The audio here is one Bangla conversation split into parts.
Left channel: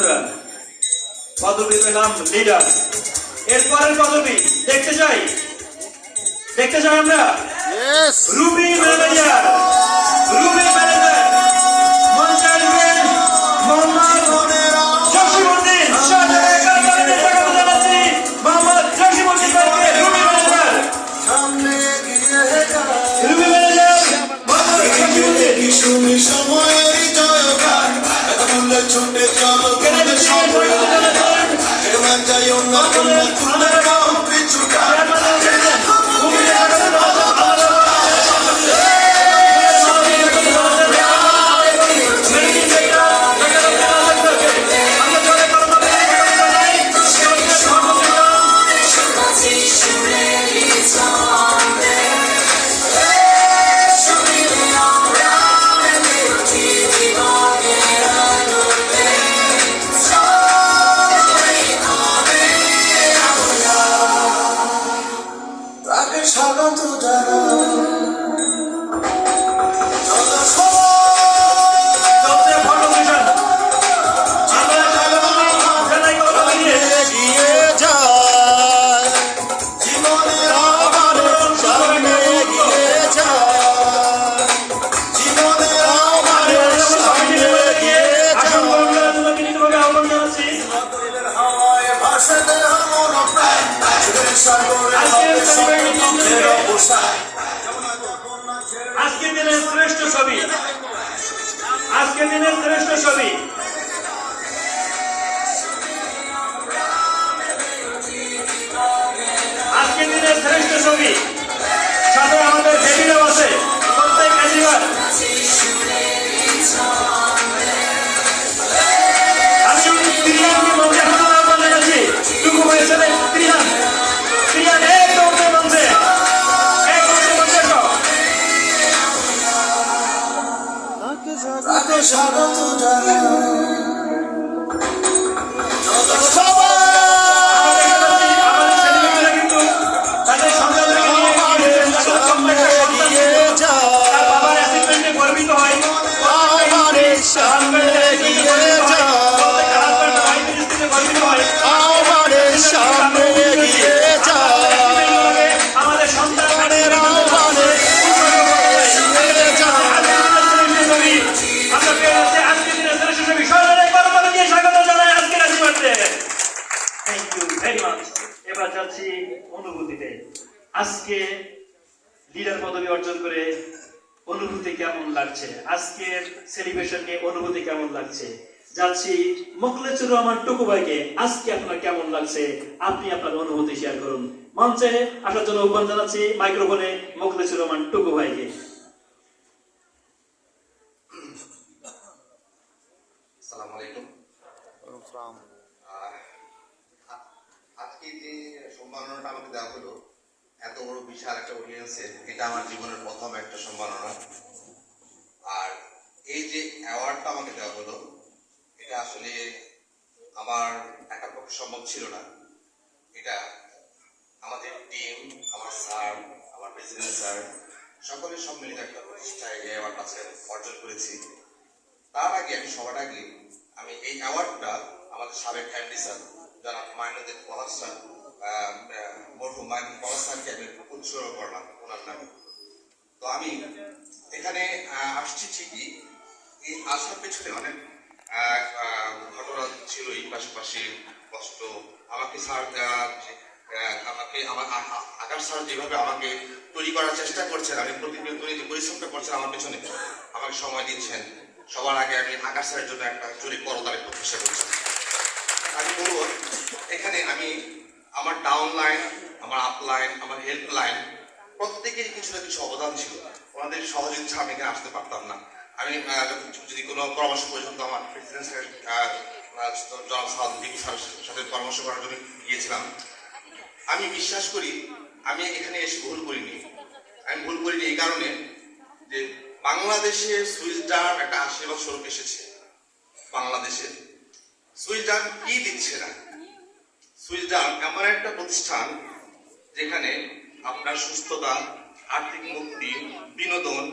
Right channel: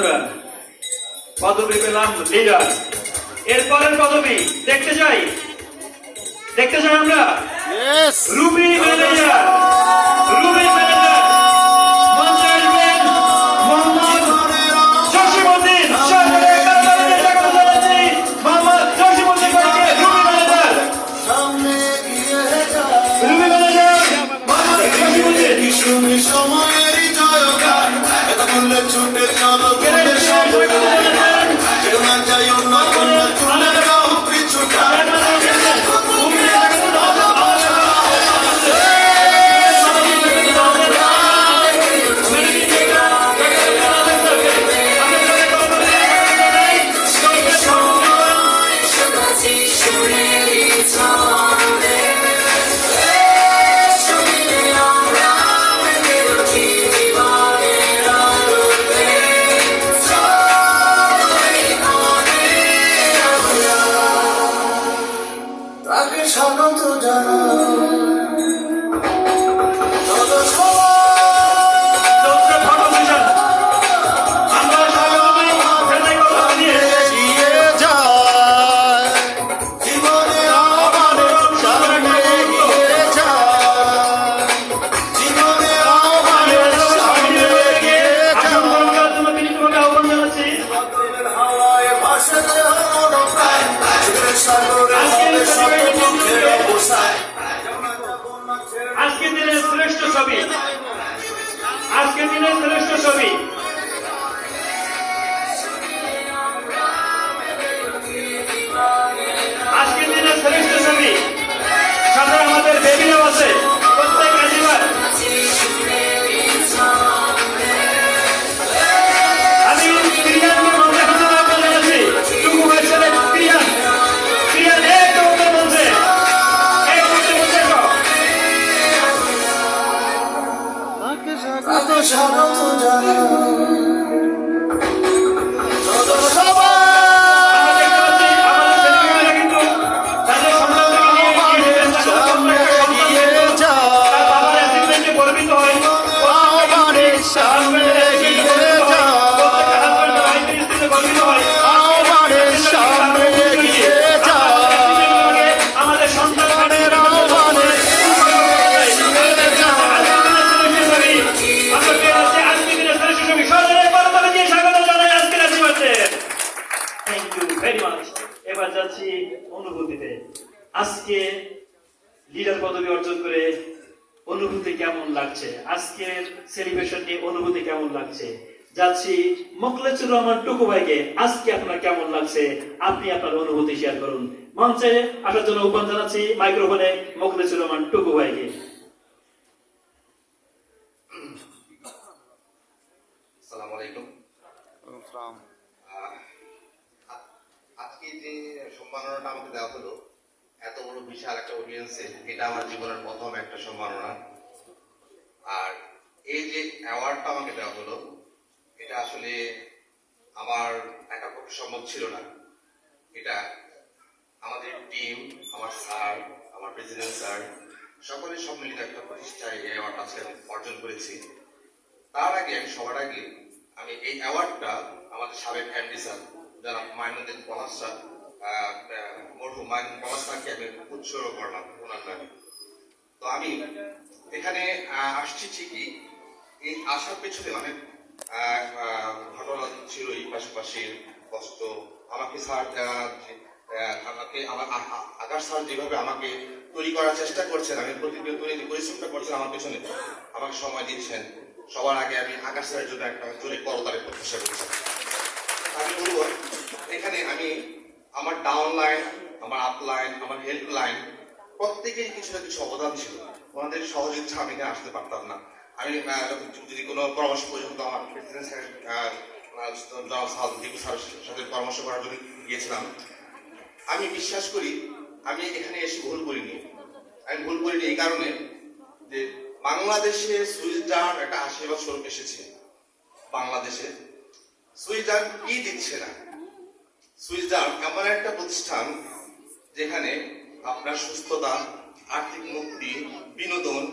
বন্ধুরা, পদবি পেলাম লিডার। এরপরের পদবি দেখতে চাই আমরা রুবি ম্যানেজার। রুবি ম্যানেজার মঞ্চে আসবেন মোহাম্মদ জসিমউদ্দিন। সাদরে কারাবাড়িতে স্বাগত জানাচ্ছি মোহাম্মদ জসিমউদ্দিন ভাইকে। Ruby manager Mohammad Jasimuddin. সময়েরই জয়গান এত মূল্যে ছুটে চলো যাই অন্য কোন তুলে নাও কিছুটা স্বাগত আজকের দিনের শ্রেষ্ঠ ছবি, আজকের দিনের শ্রেষ্ঠ ছবি। আজকের দিনের শ্রেষ্ঠ ছবি সাথে আমাদের বেবিনা বসে প্রত্যেক কাজিবার। আমি প্রিয়ানকে মঞ্চে হাজার আহ্বান জানাচ্ছি। টুকু ভাই ছেলে প্রিয়ান, প্রিয়ান এক মঞ্চে মঞ্চে স্বাগত জানাই এবার যাচ্ছি অনুভূতিতে। আজকে লিডার পদবি অর্জন করে অনুভূতি কেমন লাগছে, আজকের সেলিব্রেশন নিয়ে অনুভূতি কেমন লাগছে, যাচ্ছি মোখলেছুর রহমান টুকু ভাইকে। আজকে আপনার কেমন লাগছে, আপনি আপনার অনুভূতি শেয়ার করুন। মঞ্চে আসার জন্য আহ্বান জানাচ্ছি মাইক্রোফোনে মোখলেছুর রহমান টুকু ভাইকে। আসসালামু আলাইকুম। আজকে যে সম্মাননাটা আমাকে দেওয়া হলো এত বড় বিশাল একটা অডিয়েন্সে, এটা আমার জীবনের প্রথম একটা সম্মাননা। আর এই যে অ্যাওয়ার্ডটা আমাকে দেওয়া হলো, এটা আসলে আমার একার পক্ষে সম্ভব ছিল না। এটা আমাদের টিম, আমার স্যার, আমার প্রেসিডেন্ট স্যার, সকলের সম্মিলিত একটা প্রতিষ্ঠায় এই অ্যাওয়ার্ডটা আজকে অর্জন করেছি। তার আগে সবার আগে আমি এই অ্যাওয়ার্ডটা আমাদের সাবেক এমডি স্যার যারা মাইনুদ্দিন পলাশ স্যার, মরহুম মাইনুদ্দিন পলাশ স্যারকে আমি উৎসর্গ করলাম ওনার নামে। তো আমি এখানে আসছি ঠিকই, এই আসার পেছনে অনেক ঘটনা ছিলই, পাশাপাশি কষ্ট। আমাকে স্যার আমার আকাশ স্যার যেভাবে আমাকে তৈরি করার চেষ্টা করছেন, আমি প্রতিনিয়ত যে পরিশ্রমটা করছেন আমার পেছনে, আমাকে সময় দিচ্ছেন। সবার আগে আমি আকাশ স্যারের জন্য একটা জোরে করতালি প্রত্যাশা করছি। আমি বলবো এখানে আমি আমার ডাউন লাইন, আমার আপ লাইন, আমার হেল্প লাইন প্রত্যেকেরই কিছু না কিছু অবদান ছিল। ওনাদের সহযোগিতা আমি এখানে আসতে পারতাম না। আমি যদি কোনো পরামর্শ পর্যন্ত আমার প্রেসিডেন্ট জনাব সাহায্য সাথে পরামর্শ করার জন্য গিয়েছিলাম। আমি বিশ্বাস করি আমি এখানে এসে ভুল করিনি। আমি ভুল করিনি এই কারণে যে বাংলাদেশে সুইস ডার্ম একটা আশীর্বাদ স্বরূপ এসেছে। বাংলাদেশে সুইস ডার্ম কি দিচ্ছে না? সুইস ডার্ম এমন একটা প্রতিষ্ঠান যেখানে আপনার সুস্থতা, আর্থিক মুক্তি, বিনোদন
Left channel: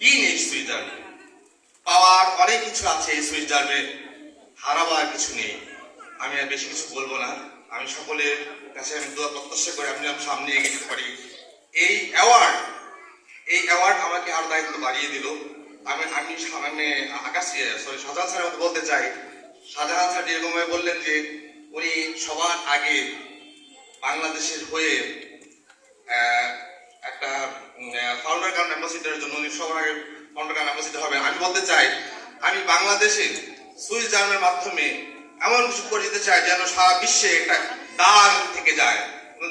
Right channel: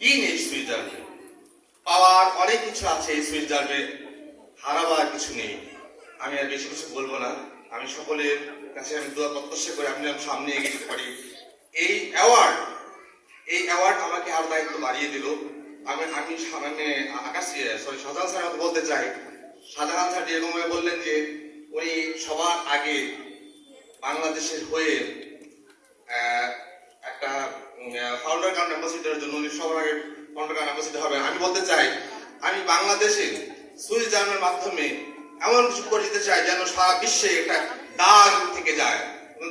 কি নেই সুইস ডার্মে? পাওয়ার অনেক কিছু আছে এই সুইস ডার্মে। হারাবার কিছু নেই। আমি আর বেশি কিছু বলবো না। আমি সকলের কাছে আমি দোয়া প্রত্যাশা করে আমি যেন সামনে এগিয়ে যেতে পারি। এই অ্যাওয়ার্ড আমাকে আরো দায়িত্ব বাড়িয়ে দিল। আমি সামনে শাহজাহান স্যার আমাকে বলতে চাই, শাহজাহান স্যার যেরকম বললেন যে উনি সবার আগে বাংলাদেশের হয়ে একটা ফাউন্ডার কাম অ্যাম্বাসিডারের জন্য উনি সবার আগে ফাউন্ডার কাম অ্যাম্বাসিডার হবে। আমি বলতে চাই আমি বাংলাদেশে সুইস জার্মের মাধ্যমে এমন কিছু করে দিতে চাই যেন সারা বিশ্বে একটা দাগ থেকে যায়,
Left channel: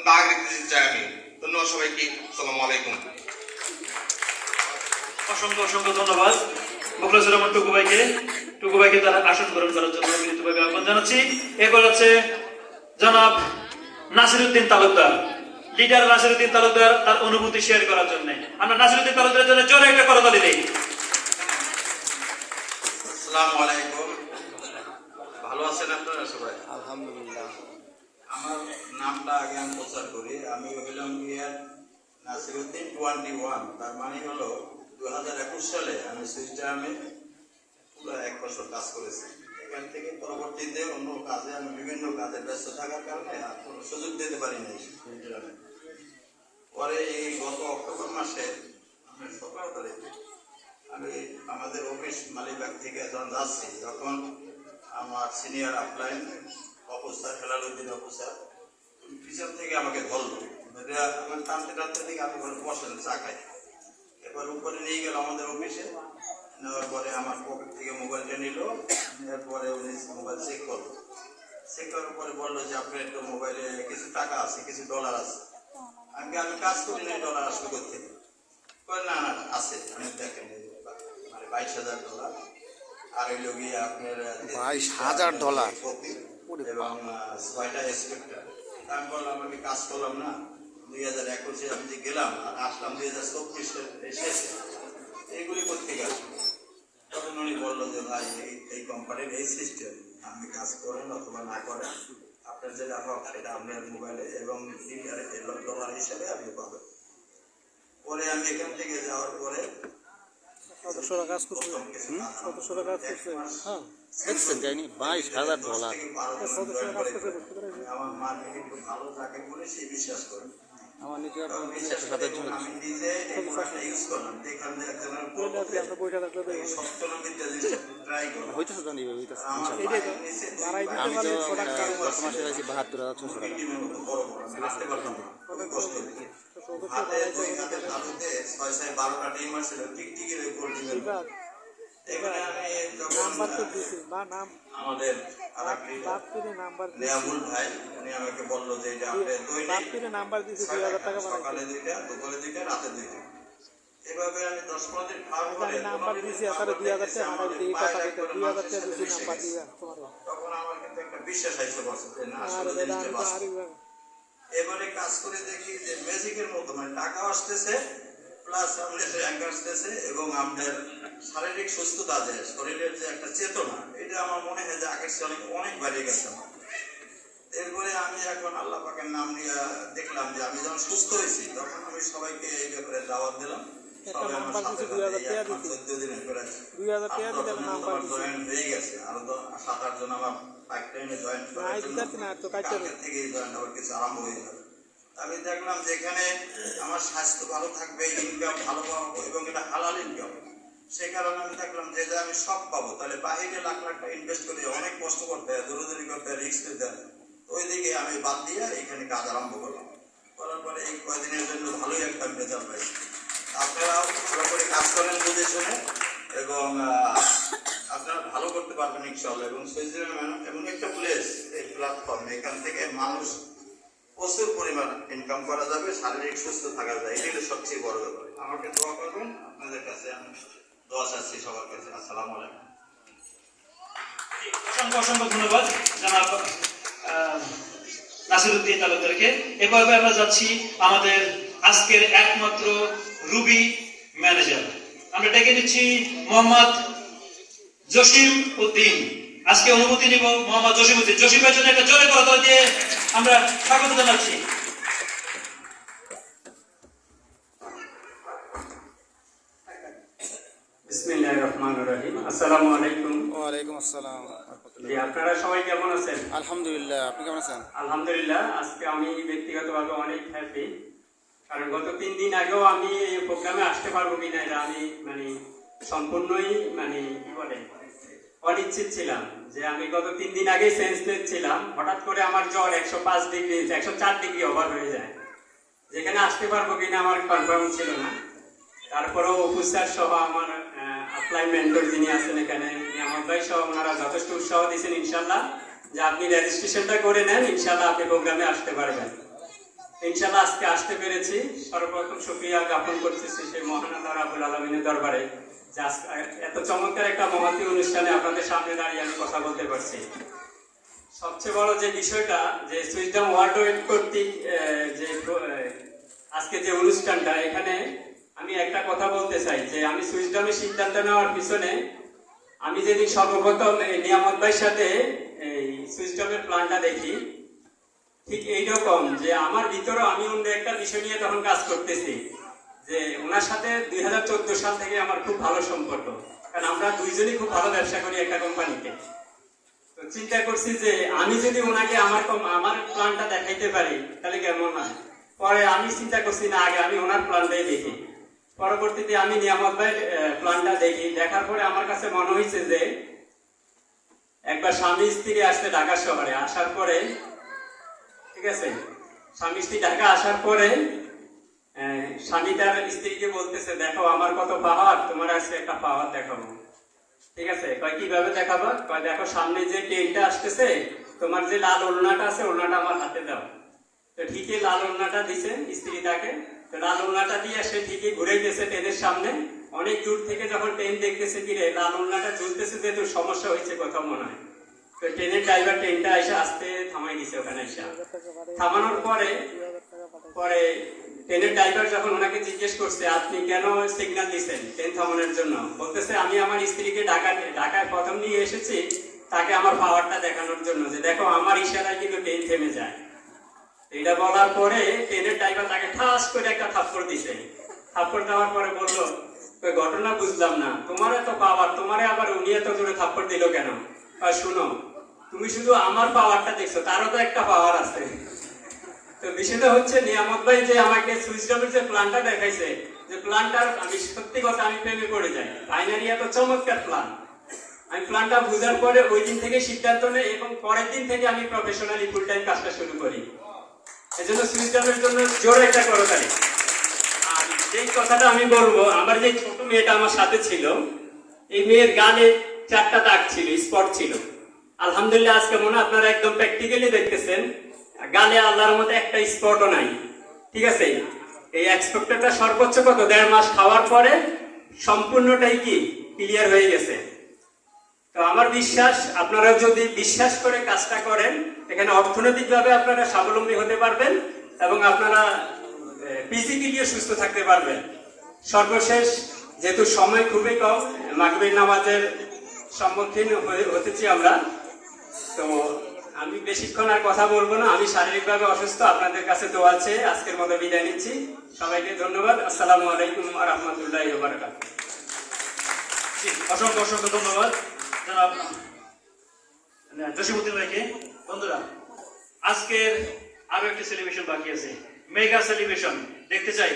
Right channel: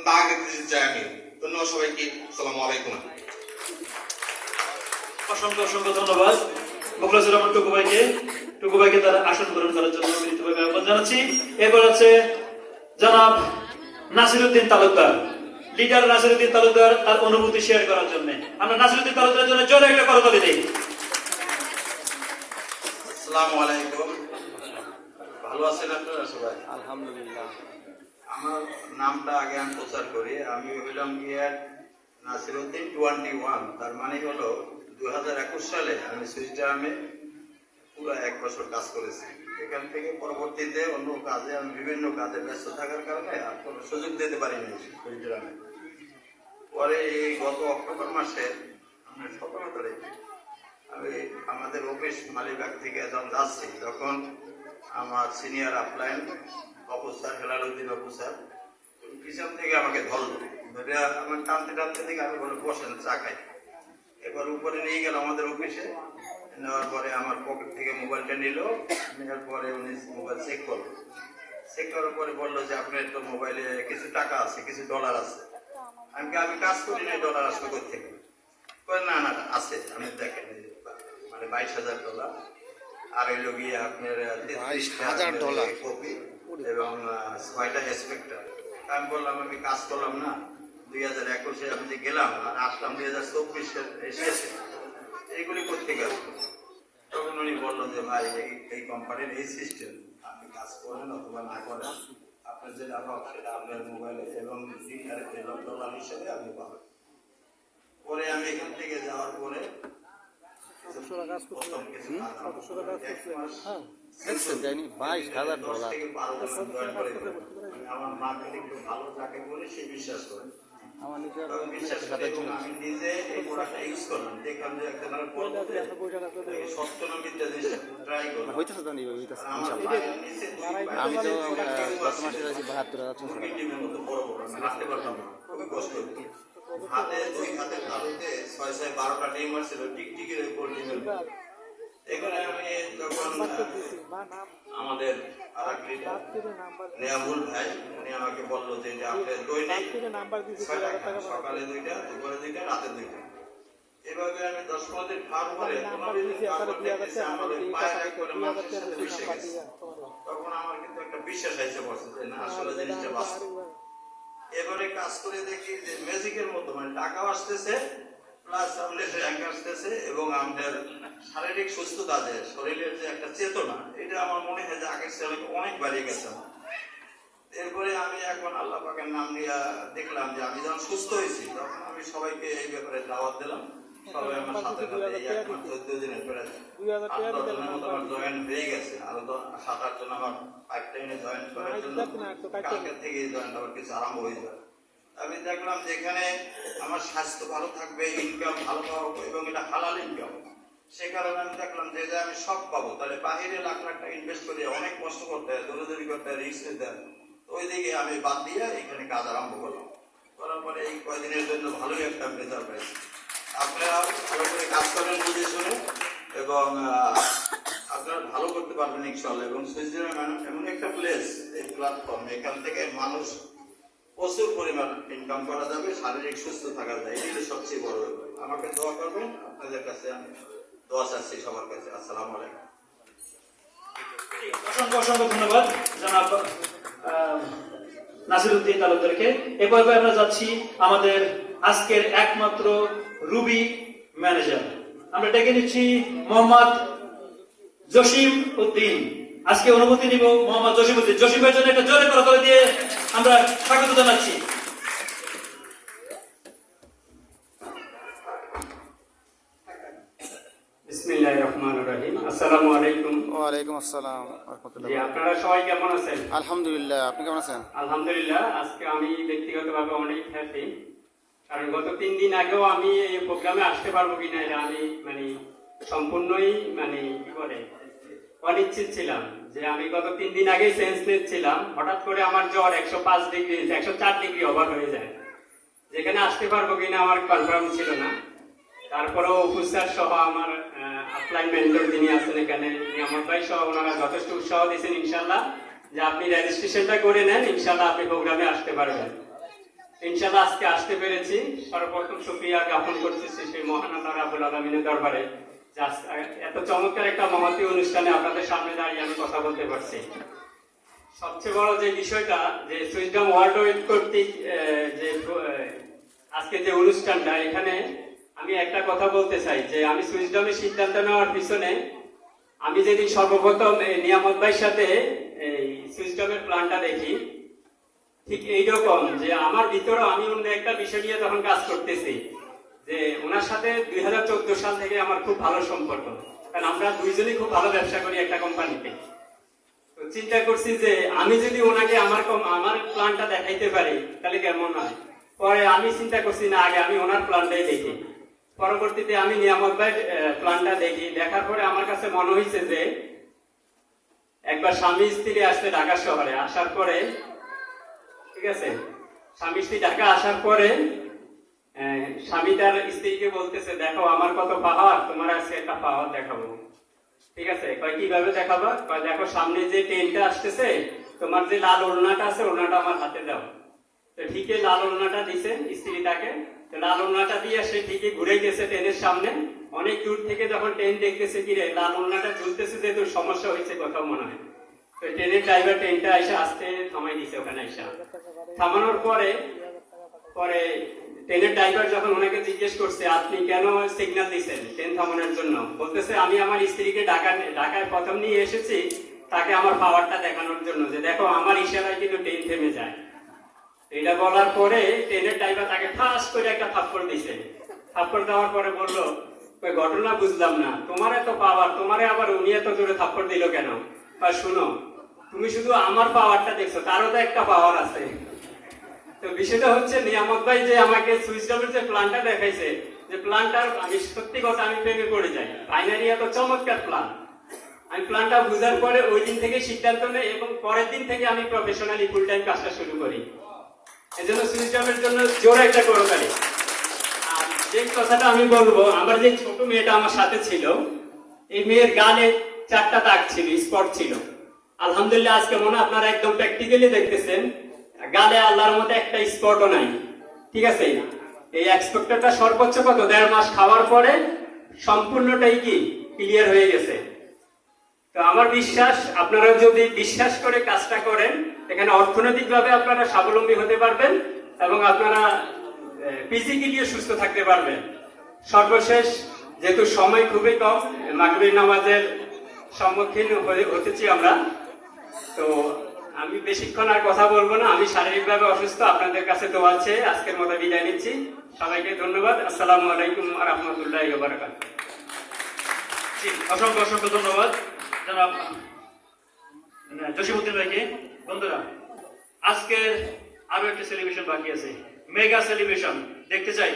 দাগ রেখে দিতে চাই আমি। ধন্যবাদ সবাইকে। আসসালামু আলাইকুম। অসংখ্য অসংখ্য ধন্যবাদ মুখলেসুর রহমান টুকু ভাইকে তার আসন গ্রহণ করার জন্য বিনীতভাবে আহ্বান জানাচ্ছি। এরপর আছে জনাব নাসিরউদ্দিন তালুকদার, লিডার নাসিরউদ্দিন তালুকদার তার অনুভূতি শেয়ার করার জন্য। আমরা নাসিরউদ্দিন তালুকদারের জন্য জোরে একটা করতালি দেই। আসসালামু আলাইকুম। ভালো আছেন আপনারা সবাই? আলহামদুলিল্লাহ। আমার নামটা আগে আমি প্রচার করি। আমি হইলাম গিয়ে নাসিরউদ্দিন 21। তার মানে হলো 2021 সালে আমি সুইস জার্মে পুরো 1 বছর কাজ করেছি। এখান থেকে পরবর্তীতে অন্য কাজে আমি বিভিন্ন কাজে ব্যস্ত থাকার কারণে আর কোনো সুযোগ দিতে পারিনি সুইস জার্মে। পরে এই গত অক্টোবর মাসে আমি 17 তারিখ আমি আমাদের অফিস মালিবাগ থেকে যখন যাচ্ছি, তখন আমার senior upline officer Helaluddin officer পিছন থেকে আমাকে ধরলো, আমার টানতে টানতে থেকে আমি বলে বসেন চা খাই। এবার উপরে নিয়ে গেল আমাদের অফিসে, নেওয়ার পরে আমার পকেট থেকে মোবাইলটা নিল, নেওয়ার পরে উনি মোবাইল চেক করলো। চেক করার পরে বললো যে আপনার তো মোবাইলে কিছু টাকা আছে, কিছু ডলার আছে। আমি কাজ করি না, ডলার আসবে কোথেকে? না না আছে, আমি দেখেন মানে $22,000 আর হইল গিয়ে আপনার $22,000 কপি এবং 6টা স্পেক্টার। আমি বললাম আমি কাজ করলাম না, 2021 আমি যে গেলাম আর আসলাম 2024 এসেছে, এইগুলি করতে গেল। তখন উনি বললো যে ভাই এই কোম্পানির এই সিস্টেম, আপনি কাজ করেন অথবা না করেন, আপনার যেটা হোক সেটা আপনার মোবাইলে এবং ডলার হিসাবে আপনি পাবেন। পরে আমি এখান থেকে যাওয়ার পরে দেখছেন যায়নি $22,000। আমার মাকে একটু ভালো থাকে বলে সেই বিশ্বাস করে আমার নিজের বিশ্বাস করে আমি নিজে এই প্রোডাক্টটা ইউজ করলাম। দেখলাম যে একজনের সপ্তনবিদ্যা জিনিসটা ট্রাই করলাম। হইতেছে জানি হইতেছে আমার ইনশাআল্লাহ। পায়ের নিচে আমি তো গত মাসে পাইছি 72,600 টাকা। ডিমের মতো বড় বড়, আমি হাঁটতে পারতাম না, খুবই কষ্ট হতো। হাতে 2 হাতের তালুতে 6-12টা ডিম আসছিল, টিকটিকির উপর ডিমের মতো। এখানে আমি যখন আমাদের আরেক লিডার নিয়ামুল ভাই, উনি আমাকে বললো যে এটা আপনার দৈনিক 6টা খান, সকালে 2টা, দুপুরে 2টা, রাতে 2টা। এভাবে আমি 10-15 দিন খাওয়ার পরে আমাদের পায়ের একবারে মাংসের সাথে মিশে গেছে। তখন আমার কিন্তু একটা বিশ্বাস আইসে বসে যে না আসলে জিনিসটা বাস্তব। এবারে কাজ করে দেখি যে ম্যাজিকের মতো মানে টাকাও আসতেছে, প্লাস আমাদের র্যাঙ্ক আসতেছে এবং আমাদের শারীরিক সুস্থতা, যে শরীরের যে একটা চেতনা, এটা আমার মনে হয় যে আগের চেয়ে অনেক বাড়িয়ে গেছে আমার। এরপরে আমি এখন আল্লাহ পাকের নাম নিয়ে দেখলাম যে আমি যখন সুস্থ হয়েছি, তখন আমি সবাইকে এই ব্যাপারে দাওয়াত দিলাম। সবাই আমার সাথে সাথে এই 1 মাস 14 দিনের পরে 8-10 জনের মতো আমার জয়েন হয়ে গেছে। আরো 7-8 জন আমার পাইপলাইনে জয়েন করার জন্য কালকে থেকে এই জয়েন আবার কিছু আরম্ভ হয়ে যাবে। আমি দেখলাম যে এখানে আমার স্বাস্থ্য ভালো থাকবে, ইনকাম ভালো পাবো এবং এটা হালাল ইনকাম। সে কারণে আমি দেখলাম যে এটা আমি সব পাবো, তাহলে বাহিরে লাখ লাখ টাকা ইনভেস্ট করে অনেক কষ্ট করতে হয়, দৌড়াদৌড়ি করতে হয়, রিস্ক নিতে হয়। ওই দিকে আমি বাদ দিয়ে এখানে কাজ আরম্ভ করলাম। করার পরে এই কয়েকদিনের জন্য ভালোই একটা রেজাল্ট পাইছি। আপনারাও ভালো করে কাজ করেন বুঝে শুনে এবং আপনারা ভালো করতে পারবেন ইনশাআল্লাহ। এবং সুইজারল্যান্ড এমন একটা প্লেস, এই প্ল্যাটফর্ম, এখান থেকে মানুষ প্রচুর পরিমাণ ইনকাম করা যাবে, শারীরিক সুস্থ থাকা যায়, এটাই সবচেয়ে বড় ব্যাপার। আমাকে দোয়া করবেন, আপনাদের কাছে আমি দোয়া চাচ্ছি সবার কাছে। আসসালামু আলাইকুম। অসংখ্য অসংখ্য ধন্যবাদ জনাব নাসিরউদ্দিন তালুকদারকে। এভাবে আমরা যাচ্ছি আমাদের আজকের একমাত্র রুবি ম্যানেজার, আমরা ডেকে নিচ্ছি মোহাম্মদ জসিম উদ্দিন। আজকে অনুমতি নিব মোহাম্মদ জসিম উদ্দিন। জসিম ভাইয়ের জন্য একটা জোরে করতালি দিয়ে আমরা স্বাগত জানাচ্ছি। বিসমিল্লাহির বিসমিল্লাহির রহমানির রহিম। আসসালামু আলাইকুম। ওয়ালাইকুম আসসালাম রহমতুল্লাহ। জি, আপনারা সবাই কেমন আছেন? আলহামদুলিল্লাহ, আপনি কেমন আছেন? আলহামদুলিল্লাহ, আজকে আমি ব্যক্তিগতভাবে অনেক হ্যাপি, কারণ গত 3 দিন আগেও আমি এই প্রোগ্রামে আসতে পারবো কিনা এটা আমি সম্পূর্ণই কি বলে অনিশ্চিত ছিলাম। যে আমি গত 3 দিন আগেই সেন্সলেস ছিলাম, হঠাৎ করে আমার জ্বর 105 ডিগ্রি 104 ডিগ্রি ওভার হয়ে যায়, যেখানে আসতে পারবো কিনা আমার কনফার্ম ছিল না। তারপরেও অফিসার সহ আমার আপলাইন মেন্টর যিনি আছেন এখানে, আমার ভাই সহ ওনারা যথেষ্ট উৎসাহ দিয়েছেন ইনশাল্লাহ যে আপনি রেজিস্ট্রেশনটা করে নেন, ইনশাল্লাহ আপনি প্রোগ্রামে আসতে পারবেন। ইনশাল্লাহ আজকে আসতে পেরেছি। সর্বপ্রথম শুকরিয়া জ্ঞাপন করতেছি সেই মহান আল্লাহ রাব্বুল আলামিনের দরবারে যে এত চমৎকার একটা মহতী অনুষ্ঠানে আপনাদের সামনে দাঁড়িয়ে আমি কথা বলতে পারছি। সবচেয়ে বড় যে বিষয়টা যে সুইসডম ওয়ার্ল্ড ওয়েড কর্তৃক যে আজকে যে অনুষ্ঠানটা, এখানে আমি একটা কথা বলতে চাই যে আমি সুইসডমের সিদ্ধান্ত নেওয়ার পিছনে আমি যেদিন সর্বপ্রথম নিয়ামত ভাইয়ের সাথে এই সুইসডমের প্ল্যানটা দেখি, ঠিক এইরকম যে আমার ভিতরেও আমি অন্য একটা বিষয় নিয়ে তখন কাজ করতেছি যে ওনার সাথে 2014 সাল থেকে আমার খুব ভালো সম্পর্ক, কারণ আমরা দুইজনই খুব ভালো ব্যবসা করি একটা কোম্পানিতে। তো চিন্তা করছি যে আমি যদি ওনাকে আমার প্ল্যানটা দেখাইতে পারি তাহলে কেমন হয়। পরে আমি চিন্তা করছি না, আগে আমি ওনার প্ল্যানটাই দেখি। পরবর্তীতে আমি নিয়ামত ভাইয়ের প্ল্যানটা দেখি, দেখার পরে আমার কাছে মনে হয়েছে যে একবার স্বামী স্ত্রী আসছে ঢাকা শহরে, আসার পরে ঠিক আছে, স্বামী স্ত্রী ঢাকা আসার পরে স্বামী তার স্ত্রীকে বলতেছে দেখো আমার কত পাওয়ার, তোমার আজকে একটা পাওয়ার দেখাবো। ঠিক আছে, কয় কিভাবে দেখাবো? কয় দেখো সামনে যে ট্রেনটা আসতেছে, তোমার যে লাল ওড়নাটা আছে ওড়নাটা আমার হাতে দাও। তো ঠিকই লাল ওড়নাটা দিছে স্ত্রী তাকে, তো লাল ওড়নাটা দিয়ে সে ঠিকই ঘুরে গেছে ট্রেনের সামনে। অনেক দূর থেকে যখন ট্রেন দেখতেছে কিরে লাল ওড়নাটা ঝুলতেছে, যে তোর সমস্যা হয়েছে কোথাও মনে হয়। তো ট্রেনের ড্রাইভার ট্রেনটা এসে আসতে থামাই দিছে ওখানে এসে। থামানোর পরে ট্রেনের ড্রাইভার যখন ওনাকে জিজ্ঞেস করছে আপনি কেন সিগন্যাল দিচ্ছেন ট্রেন থামানোর জন্য, বলতেছে আমি আমার স্ত্রীকে ঢাকায় প্রথম নিয়ে এসেছি তাকে আমার পাওয়ারটা দেখানোর জন্য, যে দেখো আমার ইশারায় কিন্তু ট্রেন থেমে যায়। এটা বলার পরে ট্রেনের ড্রাইভার তাকে ঠাস করে একটা থাপ্পড় দিছে। থাপ্পড় দেওয়ার পরে বললো ঘটনা বুঝলাম না, তোমার এত পাওয়ার, তোমারে আবার উনি এত জোরে থাপ্পড় দিল কেন? আর শুনো, তুমি শুধু আমার পাওয়ারটা দেখছো, তারও তো একটা পাওয়ার আছে। তো বিষয়টা হচ্ছে নিয়ামত ভাই যে আমাকে সুইসডমের যে প্ল্যানটা দেখাইছে, যে প্ল্যানটার আমি সত্যি কথা আমি প্রেমে পড়ে যাই। ফাইনালি এত চমৎকার প্ল্যান, আমি প্ল্যানটা বুঝার পরে ওই দিন থেকে সিদ্ধান্ত নেই এবং পরের দিন থেকে আমি প্রফেশনালি ফুল টাইম কাজটা শুরু করি। এই জন্য সুইসডমের জন্য জোরে একটা করো তাই। আর যেই কথাটা আমি বলবো, আমার যে ছোট মেয়েটা আমার সাথে ছিল, এই মেয়ের গালে 4টা দাগ ছিল, স্পট ছিল। আলহামদুলিল্লাহ আজকে মনে আপনারা একদম প্র্যাকটিক্যালি দেখতেছেন গালে আল্লাহর মধ্যে একটা স্পটও নাই। ঠিক আছে, এই এক্সপেক্টরটা সর্বোচ্চ কত 1.5 মাস খাওয়ার পরে সম্পূর্ণটাই কি ক্লিয়ার হয়ে গেছে। তো আমার বিশ্বাস আপনারা যদি বিশ্বাস করে কাজটা করেন, এখানে অর্থনৈতিকভাবে আপনারা স্বাবলম্বী হতে পারবেন এবং আপনারা ফিজিক্যালিও সুস্থ থাকতে পারবেন। সর্বশেষ যেহেতু সময় খুবই কম, মাগরিব নামাজের সম্মুখীন হতেছি আমরা, তো আমি বেশিক্ষণ আর কথা বলবো না। আমি শারীরিকভাবে অসুস্থ, আপনাদের কাছে দোয়া চেয়ে আজকের মতো বিদায় নিচ্ছি। সবাইকে ধন্যবাদ। আসসালামু আলাইকুম ওয়া রাহমাতুল্লাহি ওয়া বারাকাতুহু। অসংখ্য অসংখ্য ধন্যবাদ জনাব জসিমউদ্দিন ভাইকে। বন্ধুরা, আজকের আরো একটি সেলিব্রেশন বাকি আছে, মেগা সেলিব্রেশন দেখতে চাই